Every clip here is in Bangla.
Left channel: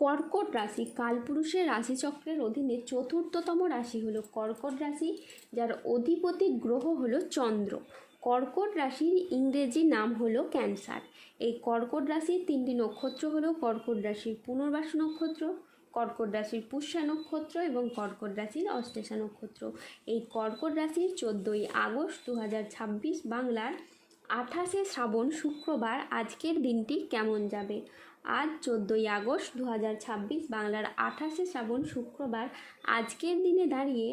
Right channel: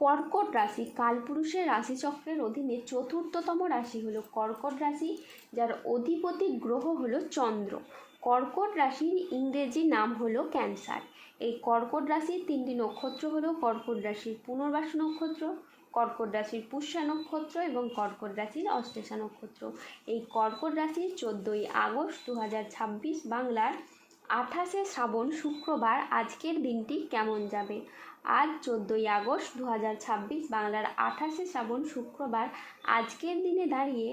কর্কট রাশি কালপুরুষের রাশিচক্রের অধীনে চতুর্থতম রাশি হলো কর্কট রাশি, যার অধিপতি গ্রহ হলো চন্দ্র। কর্কট রাশির ইংরেজি নাম হলো ক্যান্সার। এই কর্কট রাশির তিনটি নক্ষত্র হলো কর্কট রাশির পুনর্বাসু নক্ষত্র, কর্কট রাশির পুষ্যা নক্ষত্র এবং কর্কট রাশির অশ্লেষা নক্ষত্র। এই কর্কট রাশির 14ই আগস্ট 2026 বাংলার 28শে শ্রাবণ শুক্রবার আজকের দিনটি কেমন যাবে। আজ 14ই আগস্ট 2026 বাংলার 28শে শ্রাবণ শুক্রবার আজকের দিনে দাঁড়িয়ে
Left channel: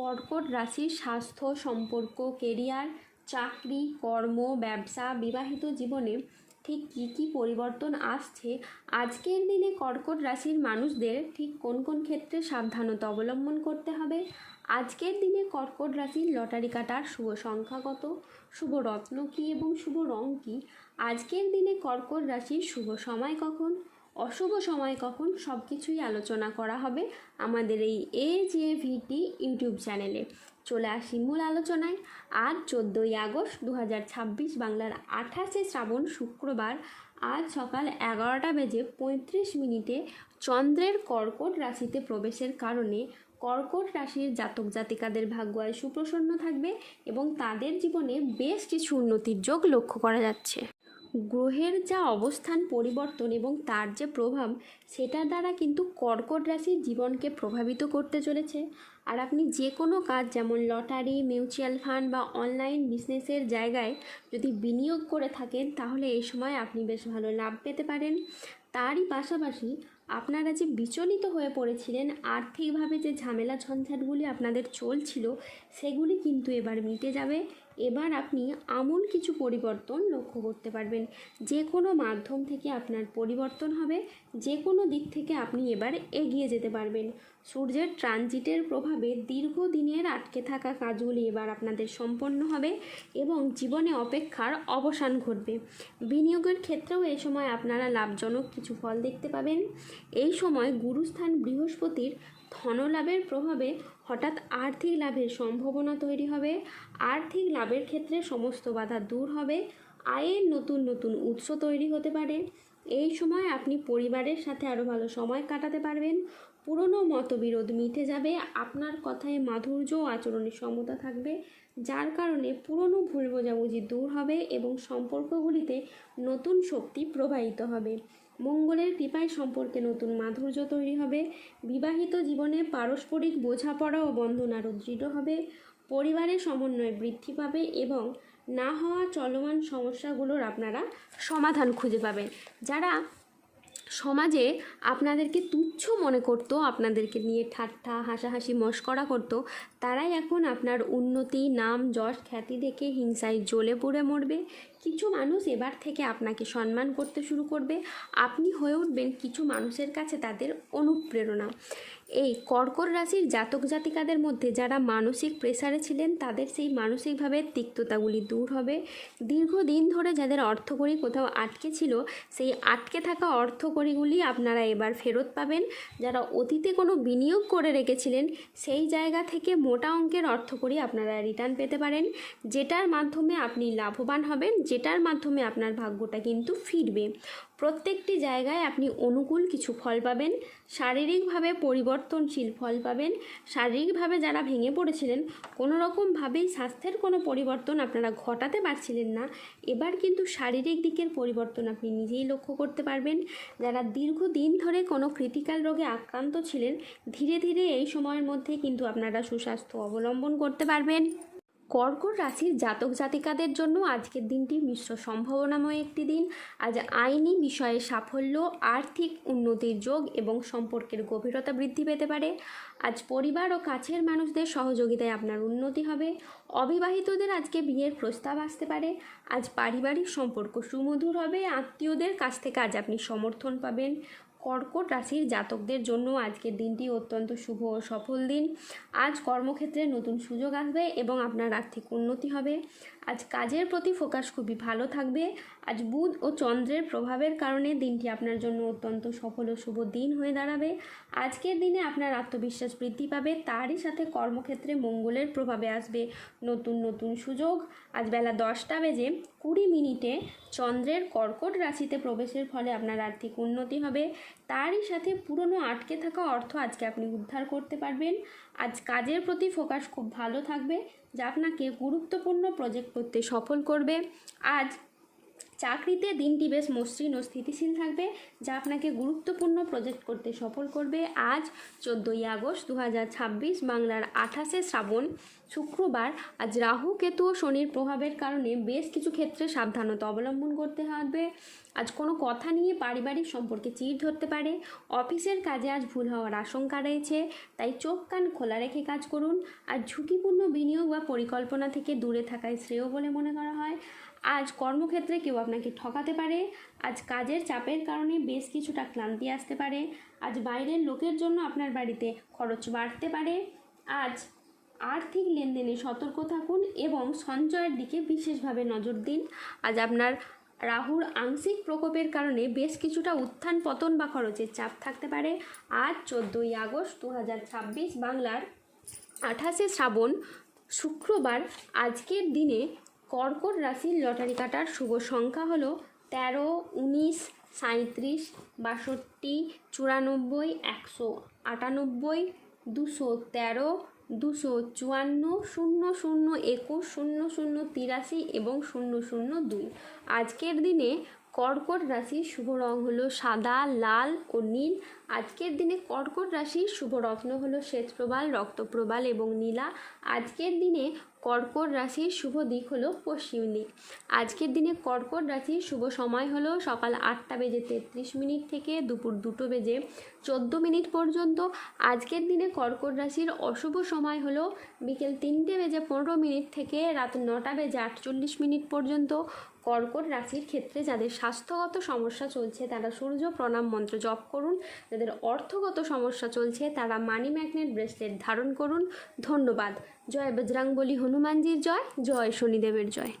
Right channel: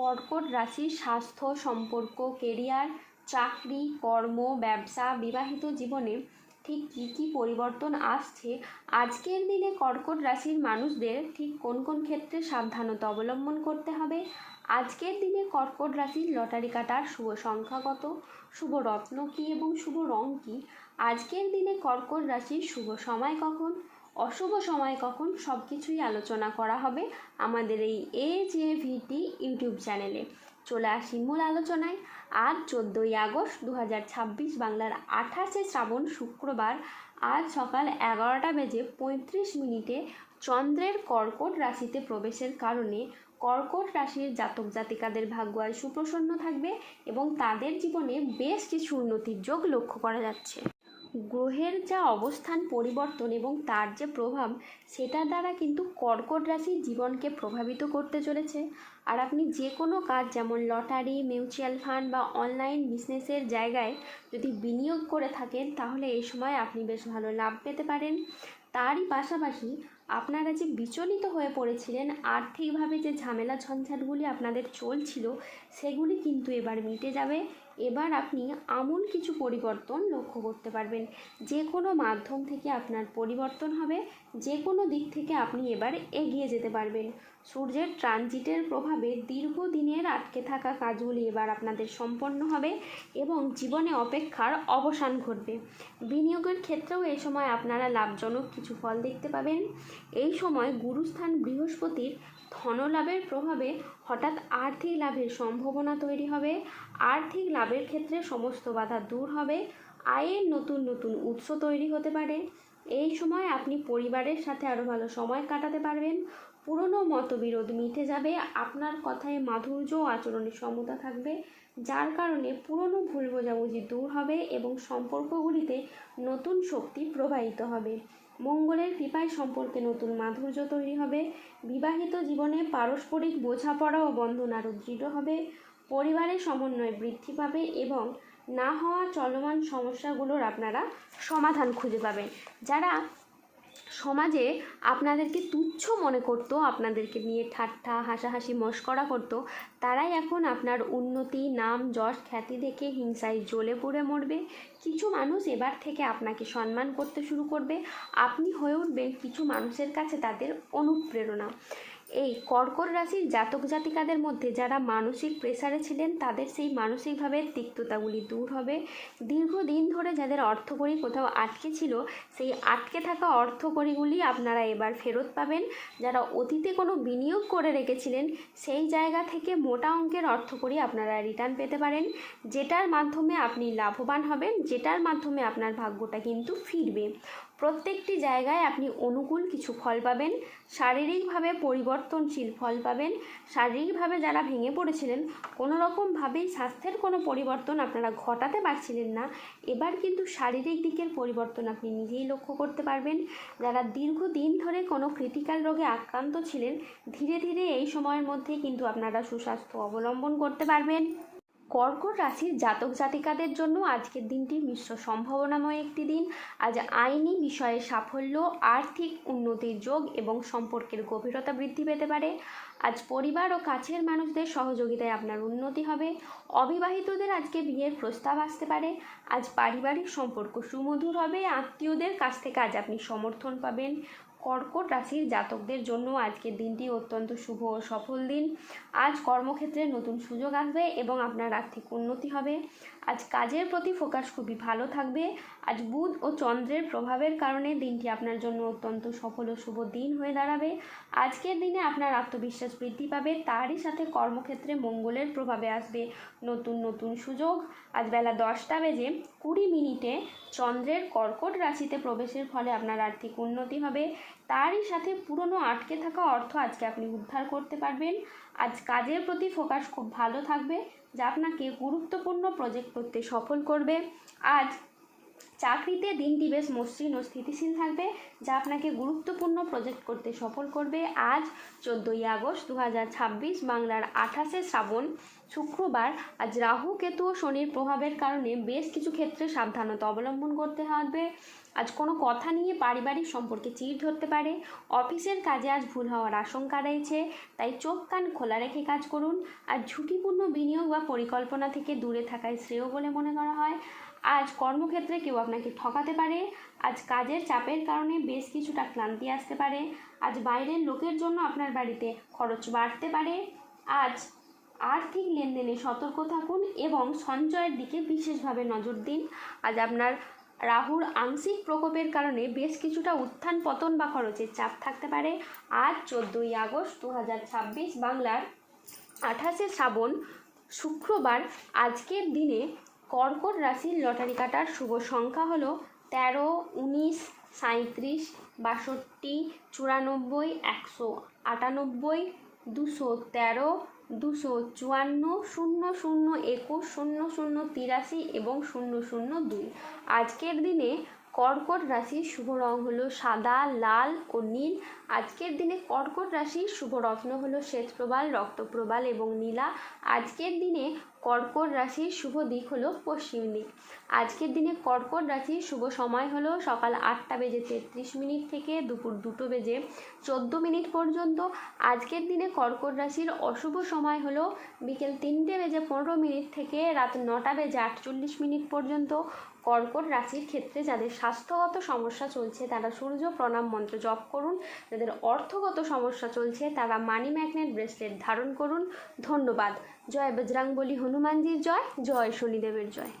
কর্কট রাশির স্বাস্থ্য, সম্পর্ক, কেরিয়ার, চাকরি, কর্ম, ব্যবসা, বিবাহিত জীবনে ঠিক কী কী পরিবর্তন আসছে, আজকের দিনে কর্কট রাশির মানুষদের ঠিক কোন কোন ক্ষেত্রে সাবধানতা অবলম্বন করতে হবে, আজকের দিনে কর্কট রাশির লটারি কাটার শুভ সংখ্যা কত, শুভ রত্ন কী এবং শুভ রং কী, আজকের দিনে কর্কট রাশির শুভ সময় কখন, অশুভ সময় কখন, সব কিছুই আলোচনা করা হবে আমাদের এই AJVT ইউটিউব চ্যানেলে। চলে আসি মূল আলোচনায়। আজ 14ই আগস্ট 2026 বাংলার 28শে শ্রাবণ শুক্রবার আজ সকাল 11:35 চন্দ্রের কর্কট রাশিতে প্রবেশের কারণে কর্কট রাশির জাতক জাতিকাদের ভাগ্য আজ সুপ্রসন্ন থাকবে এবং তাদের জীবনে বেশ কিছু উন্নতির যোগ লক্ষ্য করা যাচ্ছে। গ্রহের যা অবস্থান পরিবর্তন এবং তার যে প্রভাব, সেটার দ্বারা কিন্তু কর্কট রাশির জীবনকে প্রভাবিত করতে চলেছে। আর আপনি যে কোনো কাজ, যেমন লটারি, মিউচুয়াল ফান্ড বা অনলাইন বিজনেসের জায়গায় যদি বিনিয়োগ করে থাকেন, তাহলে এই সময় আপনি বেশ ভালো লাভ পেতে পারেন। তারই পাশাপাশি আপনারা যে বিচলিত হয়ে পড়েছিলেন, আর্থিকভাবে যে ঝামেলা ঝঞ্ঝাটগুলি আপনাদের চলছিল, সেগুলি কিন্তু এবার মিটে যাবে। এবার আপনি আমূল কিছু পরিবর্তন লক্ষ্য করতে পারবেন। যে কোনো মাধ্যম থেকে আপনার পরিবর্তন হবে, যে কোনো দিক থেকে আপনি এবার এগিয়ে যেতে পারবেন। সূর্যের ট্রানজিটের প্রভাবে দীর্ঘদিনের আটকে থাকা কাজগুলি এবার আপনাদের সম্পন্ন হবে এবং জীবনে অপেক্ষার অবসান ঘটবে। বিনিয়োগের ক্ষেত্রেও এই সময় আপনারা লাভজনক কিছু ফল দেখতে পাবেন। এই সময় গুরুস্থান বৃহস্পতির ধনলাভের প্রভাবে হঠাৎ আর্থিক লাভের সম্ভাবনা তৈরি হবে। আর্থিক লাভের ক্ষেত্রে সমস্ত বাধা দূর হবে। আয়ের নতুন নতুন উৎস তৈরি হতে পারে। এই সময় আপনি পরিবারের সাথে আরও ভালো সময় কাটাতে পারবেন। পুরনো মতবিরোধ মিটে যাবে। আপনার কথায় মাধুর্য ও আচরণে সমতা থাকবে, যার কারণে পুরনো ভুল বোঝাবুঝি দূর হবে এবং সম্পর্কগুলিতে নতুন শক্তি প্রবাহিত হবে। মঙ্গলের কৃপায় সম্পর্কে নতুন মাধুর্য তৈরি হবে। বিবাহিত জীবনে পারস্পরিক বোঝাপড়া ও বন্ধন আরও দৃঢ় হবে। পরিবারের সমন্বয় বৃদ্ধি পাবে এবং না হওয়া চলমান সমস্যাগুলোর আপনারা সমাধান খুঁজে পাবেন। যারা সমাজে আপনাদেরকে তুচ্ছ মনে করতো, আপনাদেরকে নিয়ে ঠাট্টা হাসাহাসি মশকরা করতো, তারাই এখন আপনার উন্নতি, নাম, যশ, খ্যাতি দেখে হিংসায় জ্বলে পুড়ে মরবে। কিছু মানুষ এবার থেকে আপনাকে সম্মান করতে শুরু করবে। আপনি হয়ে উঠবেন কিছু মানুষের কাছে তাদের অনুপ্রেরণা। এই কর্কট রাশির জাতক জাতিকাদের মধ্যে যারা মানসিক প্রেসারে ছিলেন, তাদের সেই মানসিকভাবে তিক্ততাগুলি দূর হবে। দীর্ঘদিন ধরে যাদের অর্থকড়ি কোথাও আটকে ছিল, সেই আটকে থাকা অর্থকড়িগুলি আপনারা এবার ফেরত পাবেন। যারা অতীতে কোনো বিনিয়োগ করে রেখেছিলেন, সেই জায়গা থেকে মোটা অঙ্কের অর্থকড়ি আপনারা রিটার্ন পেতে পারেন, যেটার মাধ্যমে আপনি লাভবান হবেন, যেটার মাধ্যমে আপনার ভাগ্যটা কিন্তু ফিরবে। প্রত্যেকটি জায়গায় আপনি অনুকূল কিছু ফল পাবেন। শারীরিকভাবে পরিবর্তনশীল ফল পাবেন। শারীরিকভাবে যারা ভেঙে পড়েছিলেন, কোনো রকমভাবেই স্বাস্থ্যের কোনো পরিবর্তন আপনারা ঘটাতে পারছিলেন না, এবার কিন্তু শারীরিক দিকের পরিবর্তন আপনি নিজেই লক্ষ্য করতে পারবেন। যারা দীর্ঘদিন ধরে কোনো ক্রিটিক্যাল রোগে আক্রান্ত ছিলেন, ধীরে ধীরে এই সময়ের মধ্যে কিন্তু আপনারা সুস্বাস্থ্য অবলম্বন করতে পারবেন। কর্কট রাশির জাতক জাতিকাদের জন্য আজকের দিনটি মিশ্র সম্ভাবনাময় একটি দিন। আজ আইনি বিষয়ে সাফল্য, আর্থিক উন্নতির যোগ এবং সম্পর্কের গভীরতা বৃদ্ধি পেতে পারে। আজ পরিবার ও কাছের মানুষদের সহযোগিতায় আপনার উন্নতি হবে। অবিবাহিতদের আজকে বিয়ের প্রস্তাব আসতে পারে। আজ পারিবারিক সম্পর্ক সুমধুর হবে। আত্মীয়দের কাছ থেকে আজ আপনি সমর্থন পাবেন। কর্কট রাশির জাতকদের জন্য আজকের দিনটি অত্যন্ত শুভ ও সফল দিন। আজ কর্মক্ষেত্রে নতুন সুযোগ আসবে এবং আপনার আর্থিক উন্নতি হবে। আজ কাজের প্রতি ফোকাস খুবই ভালো থাকবে। আজ বুধ ও চন্দ্রের প্রভাবের কারণে দিনটি আপনার জন্য অত্যন্ত সফল ও শুভ দিন হয়ে দাঁড়াবে। আজকের দিনে আপনার আত্মবিশ্বাস বৃদ্ধি পাবে, তারই সাথে কর্মক্ষেত্রে মঙ্গলের প্রভাবে আসবে নতুন নতুন সুযোগ। আজ বেলা 10:20 চন্দ্রের কর্কট রাশিতে প্রবেশের ফলে আপনার আর্থিক উন্নতি হবে, তারই সাথে পুরনো আটকে থাকা অর্থ আজকে আপনি উদ্ধার করতে পারবেন। আজ কাজের প্রতি ফোকাস খুব ভালো থাকবে, যা আপনাকে গুরুত্বপূর্ণ প্রজেক্ট করতে সফল করবে। আজ চাকরিতে দিনটি বেশ মসৃণ ও স্থিতিশীল থাকবে, যা আপনাকে গুরুত্বপূর্ণ প্রজেক্ট করতে সফল করবে। আজ 14ই আগস্ট 2026 বাংলার 28শে শ্রাবণ শুক্রবার। আজ রাহু, কেতু ও শনির প্রভাবের কারণে বেশ কিছু ক্ষেত্রে সাবধানতা অবলম্বন করতে হবে। আজ কোনো কথা নিয়ে পারিবারিক সম্পর্কে চিড় ধরতে পারে। অফিসের কাজে আজ ভুল হওয়ার আশঙ্কা রয়েছে, তাই চোখ কান খোলা রেখে কাজ করুন। আর ঝুঁকিপূর্ণ বিনিয়োগ বা পরিকল্পনা থেকে দূরে থাকাই শ্রেয় বলে মনে করা হয়। আজ কর্মক্ষেত্রে কেউ আপনাকে ঠকাতে পারে। আজ কাজের চাপের কারণে বেশ কিছুটা ক্লান্তি আসতে পারে। আজ বাইরের লোকের জন্য আপনার বাড়িতে খরচ বাড়তে পারে। আজ আর্থিক লেনদেনে সতর্ক থাকুন এবং সঞ্চয়ের দিকে বিশেষভাবে নজর দিন। আজ আপনার রাহুর আংশিক প্রকোপের কারণে বেশ কিছুটা উত্থান পতন বা খরচের চাপ থাকতে পারে। আজ 14ই আগস্ট 2026 বাংলার 28শে শ্রাবণ শুক্রবার। আজকের দিনে কর্কট রাশির লটারি কাটার শুভ সংখ্যা হলো 13, 19, 37, 62, 94, 198, 213, 254, 00, 21, 00, 83 এবং 002। আজকের দিনে কর্কট রাশির শুভ রং হলো সাদা, লাল ও নীল। আজকের দিনে কর্কট রাশির শুভ রত্ন হলো শ্বেতপ্রবাল, রক্তপ্রবাল এবং নীলা। আজকের দিনে কর্কট রাশির শুভ দিক হলো পশ্চিম দিক। আজকের দিনে কর্কট রাশির শুভ সময় হলো সকাল 8:33 থেকে দুপুর 2:14 পর্যন্ত। আজকের দিনে কর্কট রাশির অশুভ সময় হলো বিকেল 3:15 থেকে রাত 9:48 পর্যন্ত। কর্কট রাশির ক্ষেত্রে যাদের স্বাস্থ্যগত সমস্যা চলছে তারা সূর্য প্রণাম মন্ত্র জপ করুন। যাদের অর্থগত সমস্যা চলছে তারা মানি ম্যাগনেট ব্রেসলেট ধারণ করুন। ধন্যবাদ। জয় বজরংবলী হনুমানজির জয়, জয় শনিদেবের জয়।